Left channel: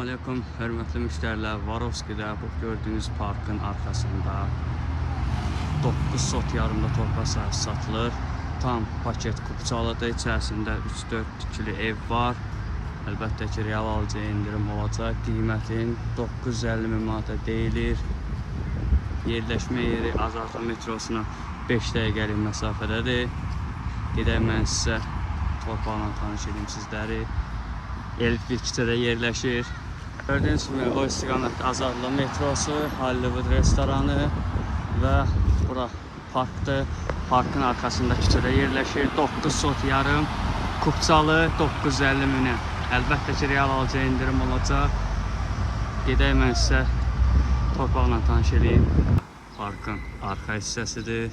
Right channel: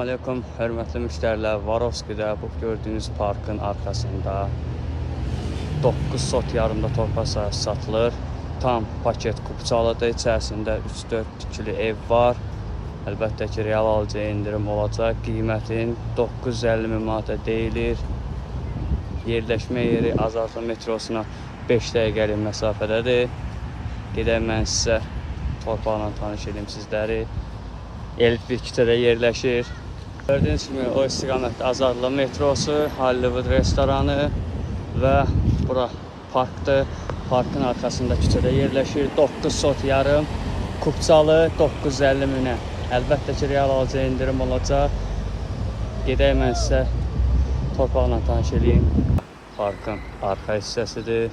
Salam aleykum, hörmətli müştərilər. Varovski'də bu gördüyünüz parkın arxasında 9 sot yarımda torpaq sahəsi satılır. Tam paket kupçalıdır. İçərisində 3-4 tikili ev var. Əlbəttə ki, real alıcıya indirim olacaq. Qiymətin 950 min manata deyilir. Yerləşmə yeri Azadlıq metrosuna 5 dəqiqəlik məsafədədir. Gedək mən sizə torpaqla tanış edeyim sizləri. Elif bir küçədə yerləşir. Gördüyünüz kimi o istiqamətdə Azadlıq metrosu, Hollywood restoranı və bura parkdır. Parkın arxasında küçədə yerləşir. 9 sot yarım, kupçalı 950 minə. Əlbəttə ki, real alıcıya indirim olacaq. Gedək mən sizə torpaqla tanış edeyim. Parkın arxa hissəsidir.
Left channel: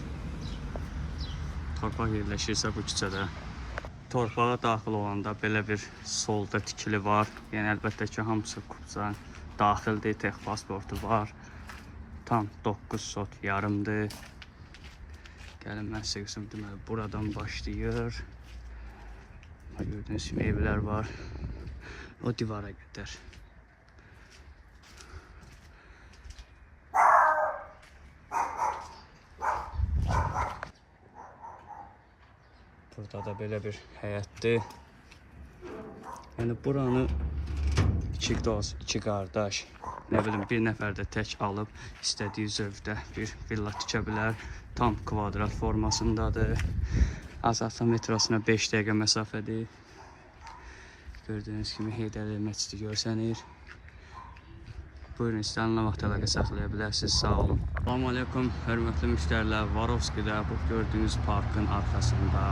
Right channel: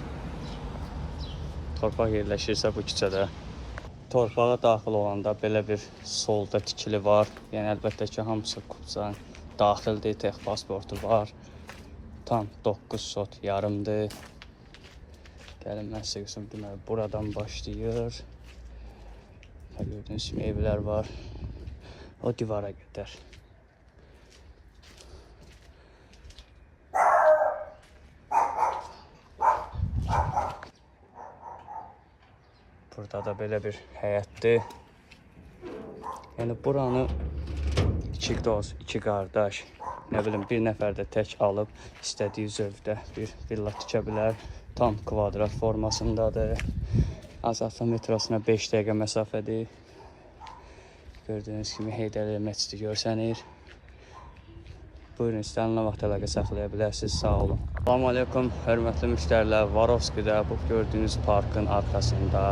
Torpaq yerləşirsə bu küçədə. Torpağa daxil olanda belə bir solda tikili var. Yəni əlbəttə ki, hamısı kupçanın daxildir, tek pasportu var. Tam 9 sot yarımdır. Gəlin mən sizə göstərim. Deməli, buradan başlayır. Gördüyünüz kimi evlər var. O divara qədər. Burada da belə bir həyətdir. Yəni buranı iki dost, iki qardaş, nə bilim bir nəfər də tək alıb istədiyi zövqdə bir villa tikə bilər. Tam kvadrat formasındadır. Azadlıq metrosuna 5 dəqiqə məsafədir. Gördüyünüz kimi Heydərəli məscidi görsənir. Buyurun, istənilən vaxt əlaqə saxlaya bilərsiniz. Sağ olun. Salam aleykum, hörmətli müştərilər. Varovski'də bu gördüyünüz parkın arxasında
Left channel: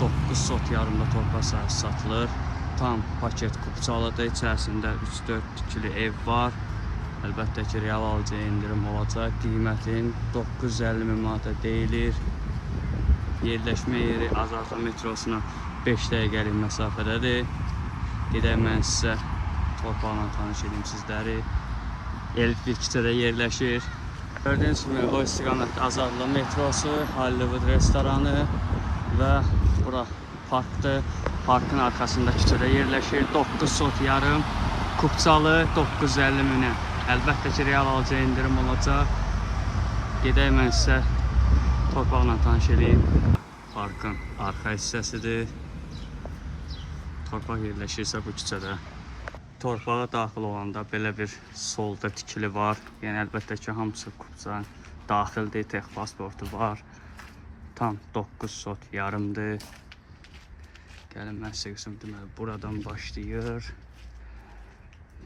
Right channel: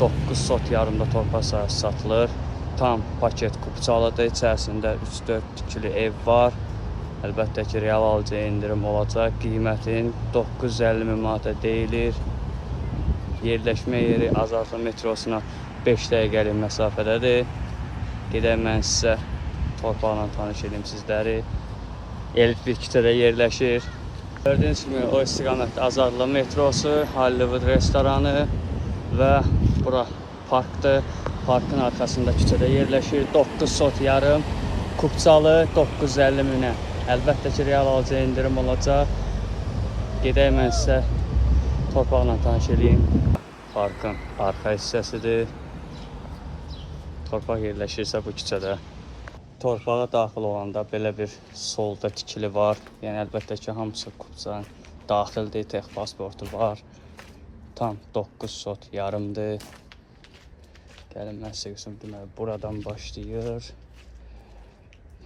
9 sot yarımda torpaq sahəsi satılır. Tam paket kupçalıdır. İçərisində 3-4 tikili ev var. Əlbəttə ki, real alıcıya indirim olacaq. Qiymətin 950 min manata deyilir. Yerləşmə yeri Azadlıq metrosuna 5 dəqiqəlik məsafədədir. Gedək mən sizə torpaqla tanış edeyim sizləri. Elif bir küçədə yerləşir. Gördüyünüz kimi o istiqamətdə Azadlıq metrosu, Hollywood restoranı və bura parkdır. Parkın arxasında küçədə yerləşir. 9 sot yarım, kupçalı 950 minə. Əlbəttə ki, real alıcıya indirim olacaq. Gedək mən sizə torpaqla tanış edeyim. Parkın arxa hissəsidir. Torpaq yerləşirsə bu küçədə. Torpağa daxil olanda belə bir solda tikili var. Yəni əlbəttə ki, hamısı kupçanın daxildir, tek pasportu var. Tam 9 sot yarımdır. Gəlin mən sizə göstərim. Deməli, buradan başlayır.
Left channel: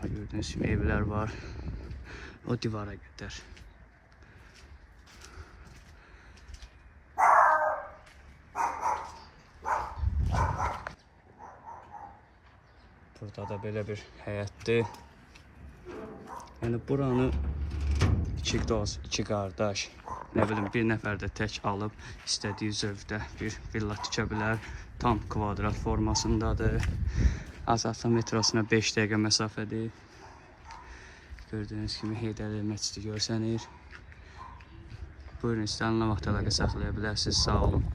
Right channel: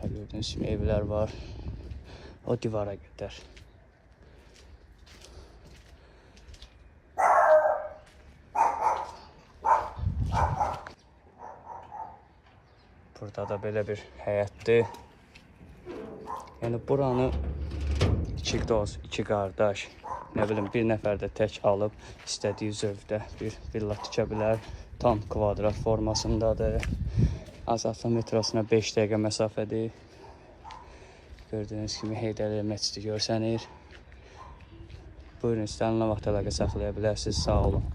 Gördüyünüz kimi evlər var. O divara qədər. Burada da belə bir həyətdir. Yəni buranı iki dost, iki qardaş, nə bilim bir nəfər də tək alıb istədiyi zövqdə bir villa tikə bilər. Tam kvadrat formasındadır. Azadlıq metrosuna 5 dəqiqə məsafədir. Gördüyünüz kimi Heydərəli məscidi görsənir. Buyurun, istənilən vaxt əlaqə saxlaya bilərsiniz. Sağ olun.